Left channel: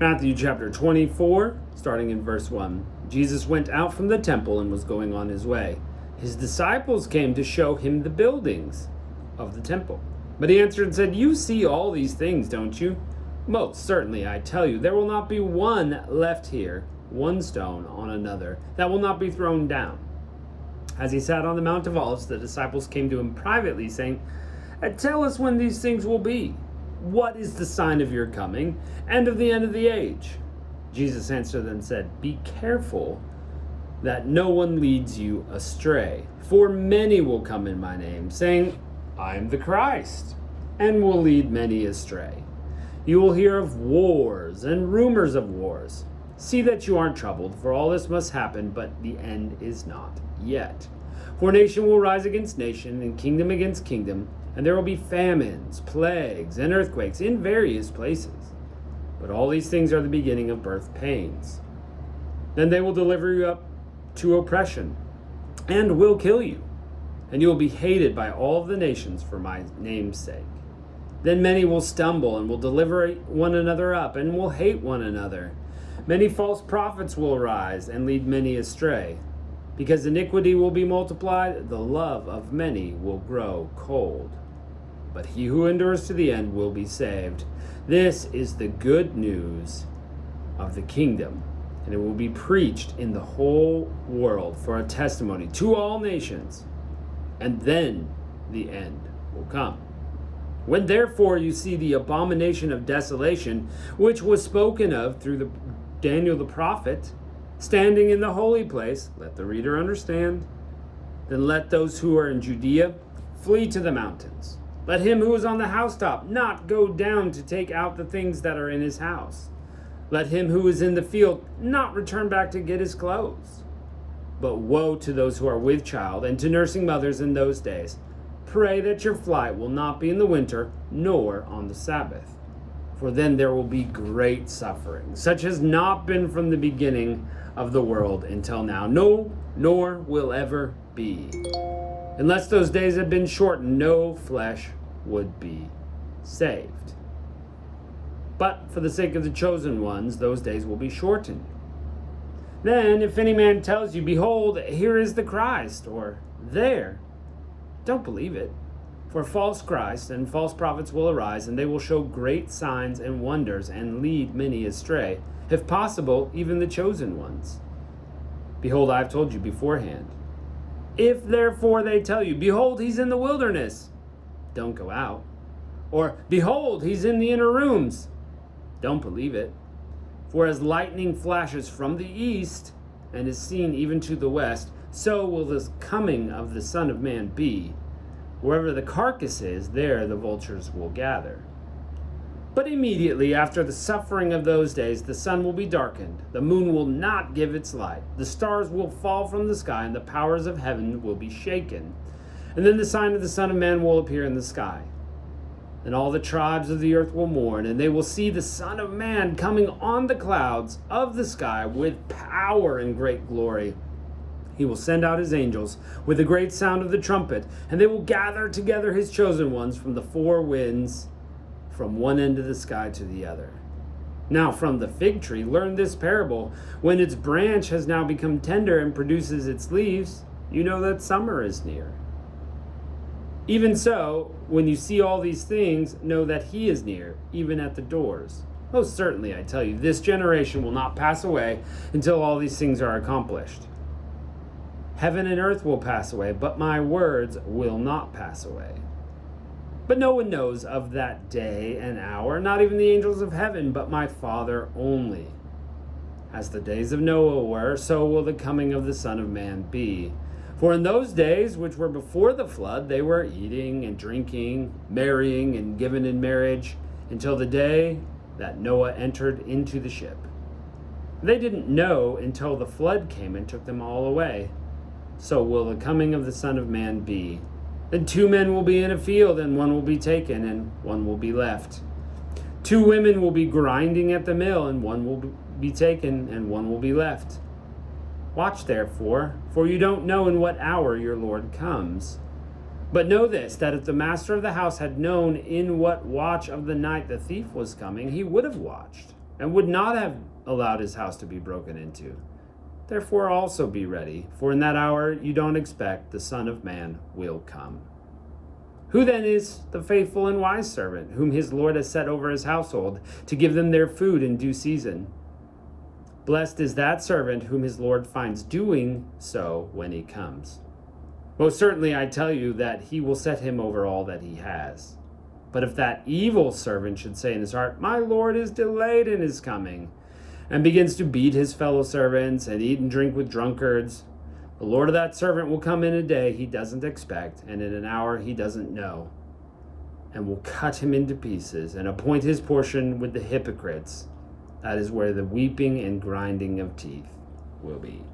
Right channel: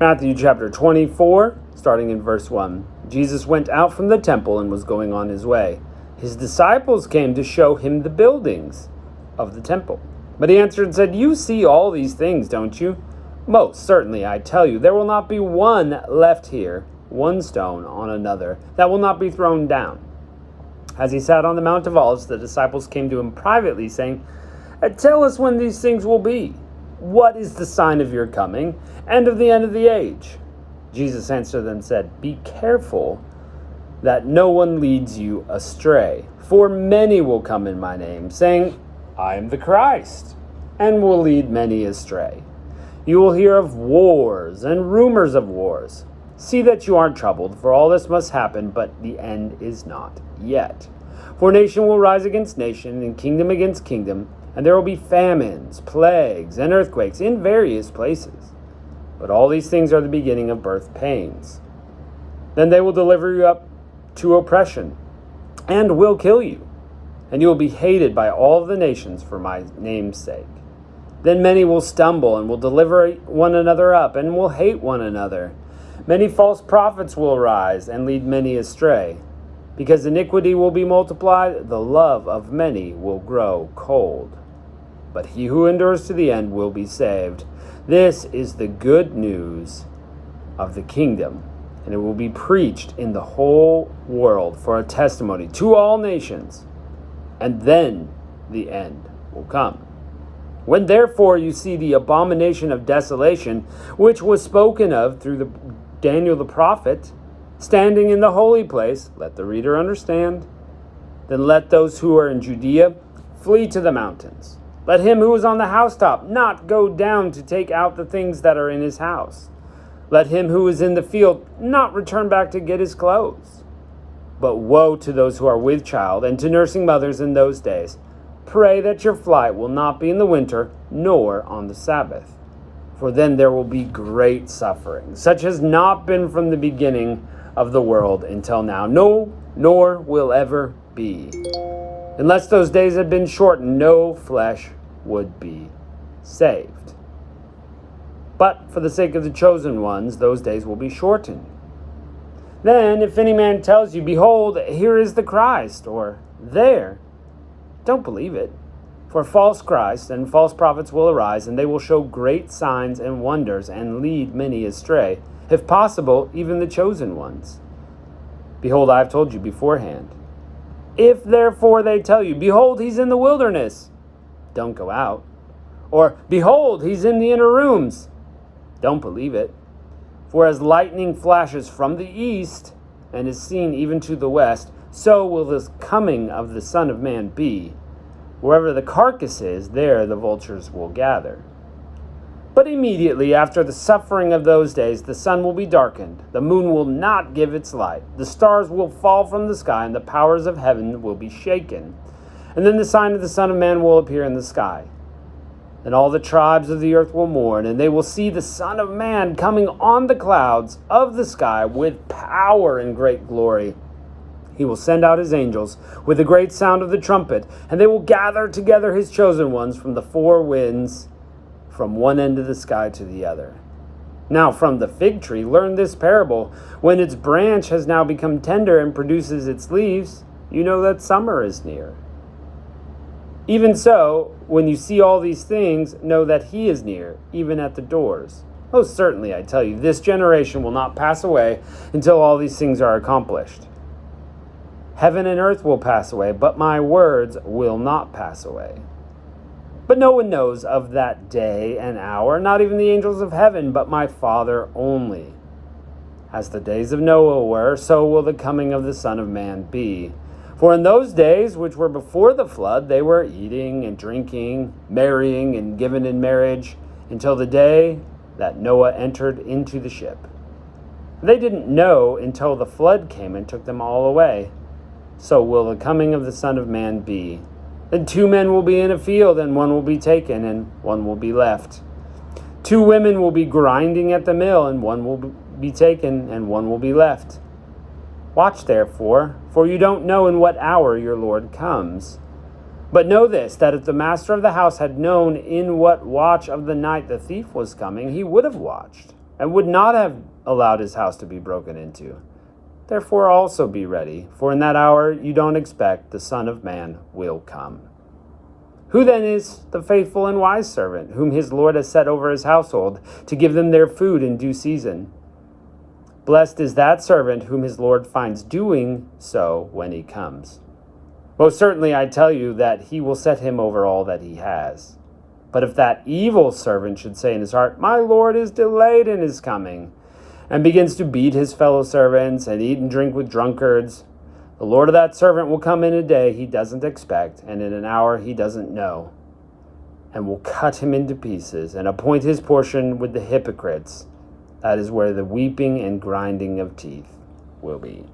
Matthew chapter 24, starting in verse 1. Jesus went out from the temple and was going on his way. His disciples came to show him the buildings of the temple. But he answered and said, "You see all these things, don't you? Most certainly, I tell you, there will not be one left here, one stone on another, that will not be thrown down." As he sat on the Mount of Olives, the disciples came to him privately, saying, "Tell us when these things will be. What is the sign of your coming and of the end of the age?" Jesus answered and said, "Be careful that no one leads you astray. For many will come in my name, saying, 'I am the Christ,' and will lead many astray. You will hear of wars and rumors of wars. See that you aren't troubled, for all this must happen, but the end is not yet. For nation will rise against nation, and kingdom against kingdom, and there will be famines, plagues, and earthquakes in various places. But all these things are the beginning of birth pains. Then they will deliver you up to oppression, and will kill you, and you will be hated by all the nations for my name's sake. Then many will stumble and will deliver one another up, and will hate one another. Many false prophets will rise and lead many astray. Because iniquity will be multiplied, the love of many will grow cold. But he who endures to the end will be saved. This is the good news of the kingdom, and it will be preached in the whole world for a testimony to all nations, and then the end will come. When therefore you see the abomination of desolation, which was spoken of through Daniel the prophet, standing in the holy place, let the reader understand. Then let those who are in Judea flee to the mountains. Let him who is on the housetop not go down to take out the things that are in his house. Let him who is in the field not return back to get his clothes. But woe to those who are with child and to nursing mothers in those days. Pray that your flight will not be in the winter, nor on the Sabbath. For then there will be great suffering, such has not been from the beginning of the world until now, no, nor will ever be. Unless those days had been shortened, no flesh would be saved. But for the sake of the chosen ones, those days will be shortened. Then, if any man tells you, 'Behold, here is the Christ,' or 'There,' don't believe it. For false Christs and false prophets will arise, and they will show great signs and wonders, and lead many astray, if possible, even the chosen ones. Behold, I have told you beforehand. If therefore they tell you, 'Behold, he's in the wilderness,' don't go out. Or, 'Behold, he's in the inner rooms,' don't believe it. For as lightning flashes from the east, and is seen even to the west, so will the coming of the Son of Man be. Wherever the carcass is, there the vultures will gather. But immediately after the suffering of those days, the sun will be darkened, the moon will not give its light, the stars will fall from the sky, and the powers of heaven will be shaken. And then the sign of the Son of Man will appear in the sky. And all the tribes of the earth will mourn, and they will see the Son of Man coming on the clouds of the sky with power and great glory. He will send out his angels with a great sound of the trumpet, and they will gather together his chosen ones from the four winds, from one end of the sky to the other. Now from the fig tree learn this parable. When its branch has now become tender and produces its leaves, you know that summer is near. Even so, when you see all these things, know that he is near, even at the doors. Most certainly, I tell you, this generation will not pass away until all these things are accomplished. Heaven and earth will pass away, but my words will not pass away. But no one knows of that day and hour, not even the angels of heaven, but my Father only. As the days of Noah were, so will the coming of the Son of Man be. For in those days which were before the flood, they were eating and drinking, marrying and given in marriage, until the day that Noah entered into the ship. They didn't know until the flood came and took them all away. So will the coming of the Son of Man be. Then 2 men will be in a field, and one will be taken, and one will be left. 2 women will be grinding at the mill, and one will be taken, and one will be left. Watch therefore, for you don't know in what hour your Lord comes. But know this, that if the master of the house had known in what watch of the night the thief was coming, he would have watched and would not have allowed his house to be broken into. Therefore also be ready, for in that hour you don't expect the Son of Man will come. Who then is the faithful and wise servant, whom his Lord has set over his household, to give them their food in due season? Blessed is that servant whom his Lord finds doing so when he comes. Most certainly I tell you that he will set him over all that he has. But if that evil servant should say in his heart, My Lord is delayed in his coming, and begins to beat his fellow servants and eat and drink with drunkards, the Lord of that servant will come in a day he doesn't expect, and in an hour he doesn't know, and will cut him into pieces and appoint his portion with the hypocrites. That is where the weeping and grinding of teeth will be.